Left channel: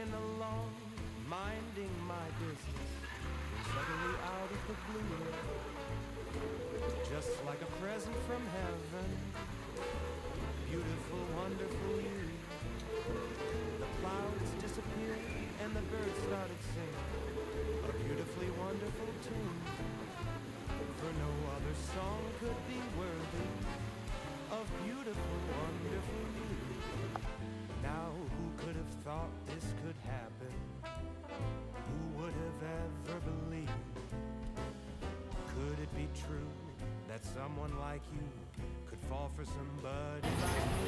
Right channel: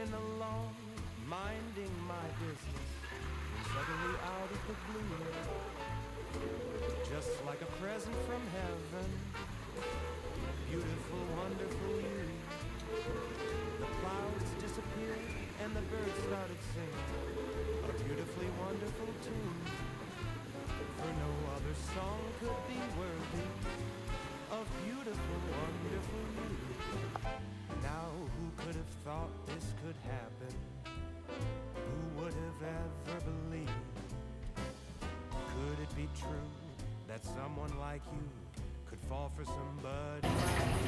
swinging along, minding my business, when suddenly out of the blue, just like a present from heaven, beautiful, wonderful you. The clouds disappeared and the birds started singing a beautifully wonderful tune, for no other song could be worthy of beautiful, wonderful you. Now who could have thought this could happen? Who would have ever believed? Could it be true that someone like you could fall for somebody like me?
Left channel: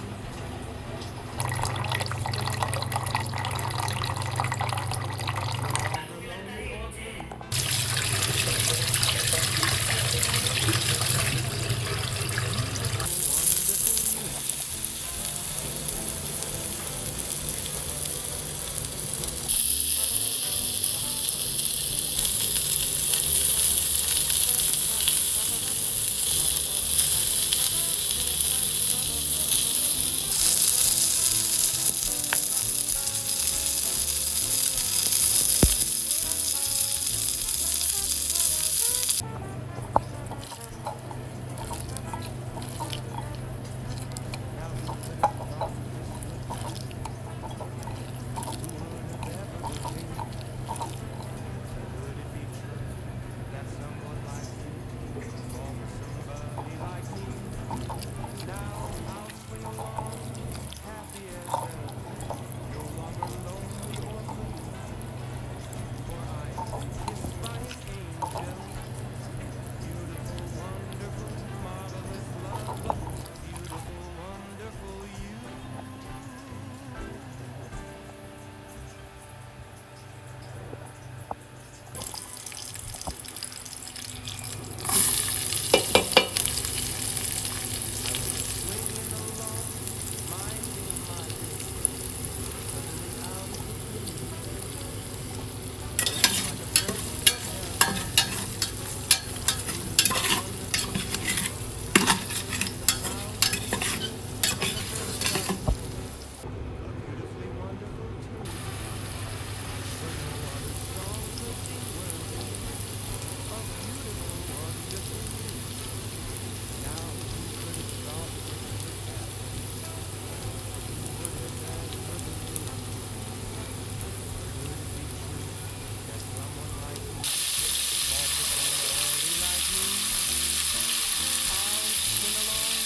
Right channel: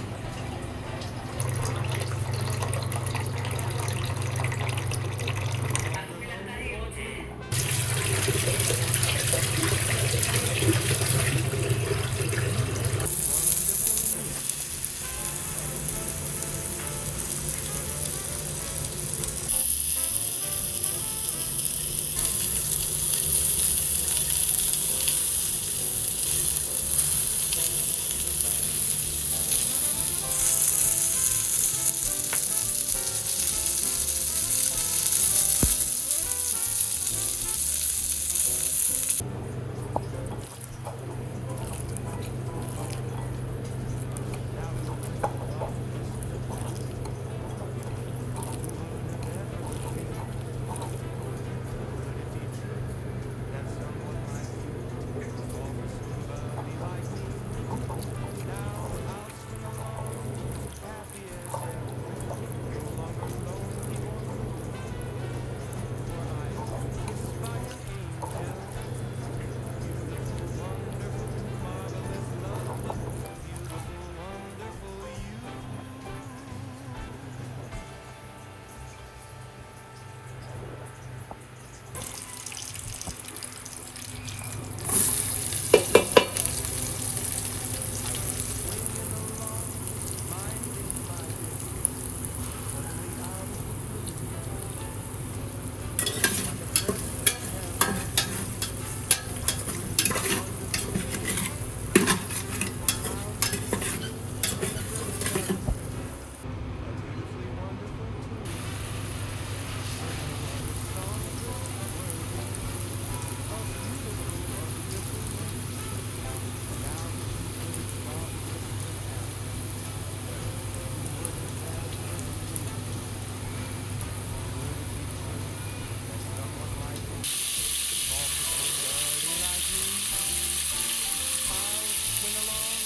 I'll swing along,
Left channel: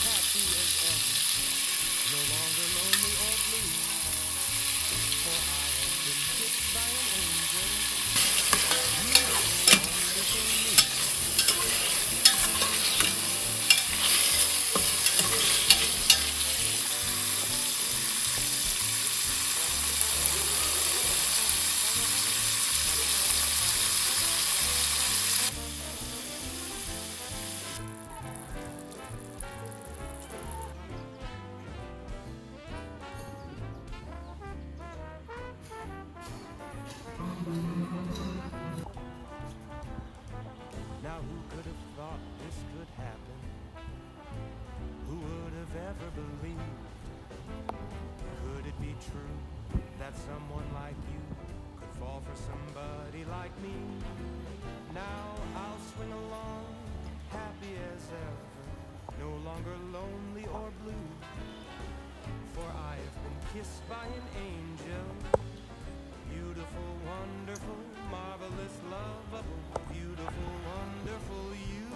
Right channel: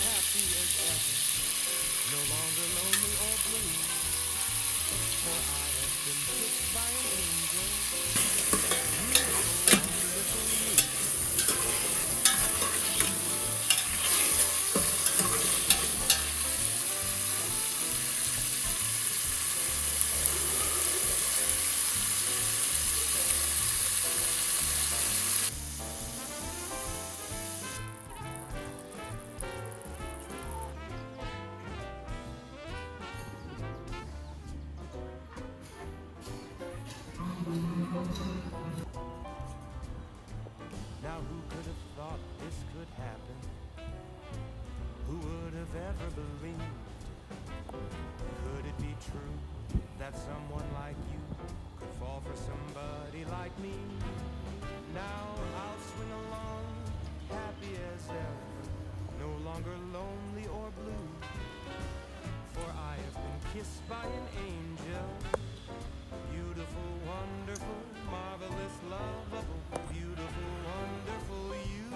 happy and happy, no longer lonely or blue. No longer lonely or blue, for I have been kissed by an angel. Beautiful, wonderful you. Now who could have thought this could happen? Who would have ever believed? Could it be true that someone like you could fall for somebody like me? Now I'll swing along, happy as ever, no longer lonely or blue, for I have been kissed by an angel. Beautiful, wonderful, marvelous, lovable, beautiful, wonderful you.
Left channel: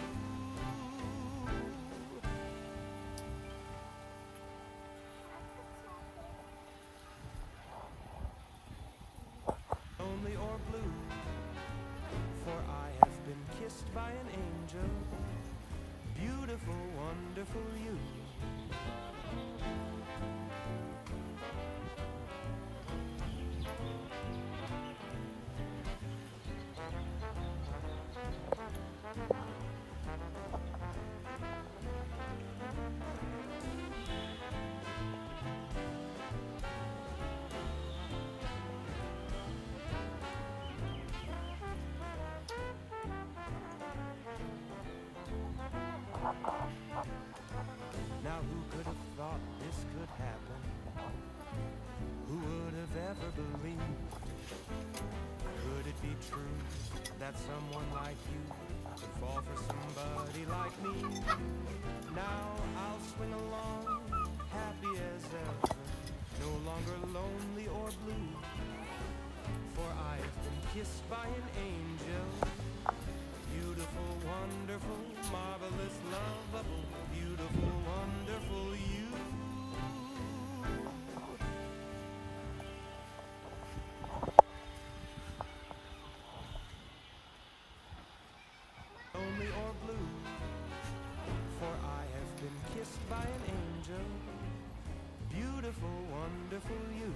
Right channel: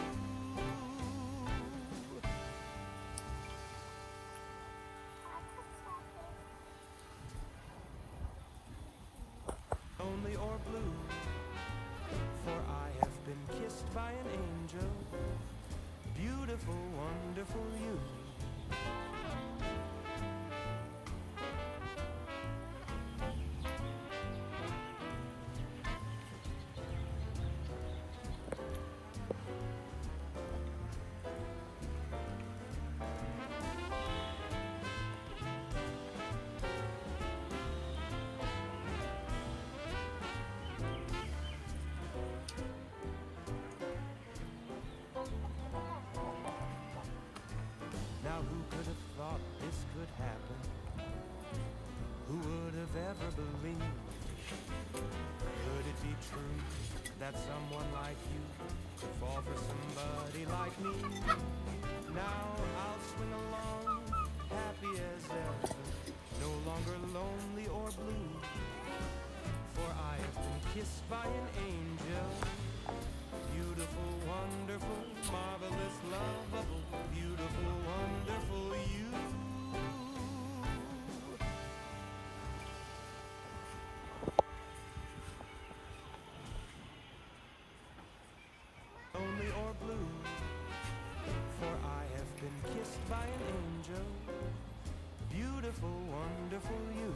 Lonely or blue, for I have been kissed by an angel. Beautiful, wonderful you. Now who could have thought this could happen? Who would have ever believed? Could it be true that someone like you could fall for somebody like me? Now I'll swing along, happy as ever, no longer lonely or blue, for I have been kissed by an angel. Beautiful, wonderful, marvelous, lovable, beautiful, wonderful you. Lonely or blue, for I have been kissed by an angel. Beautiful, wonderful you.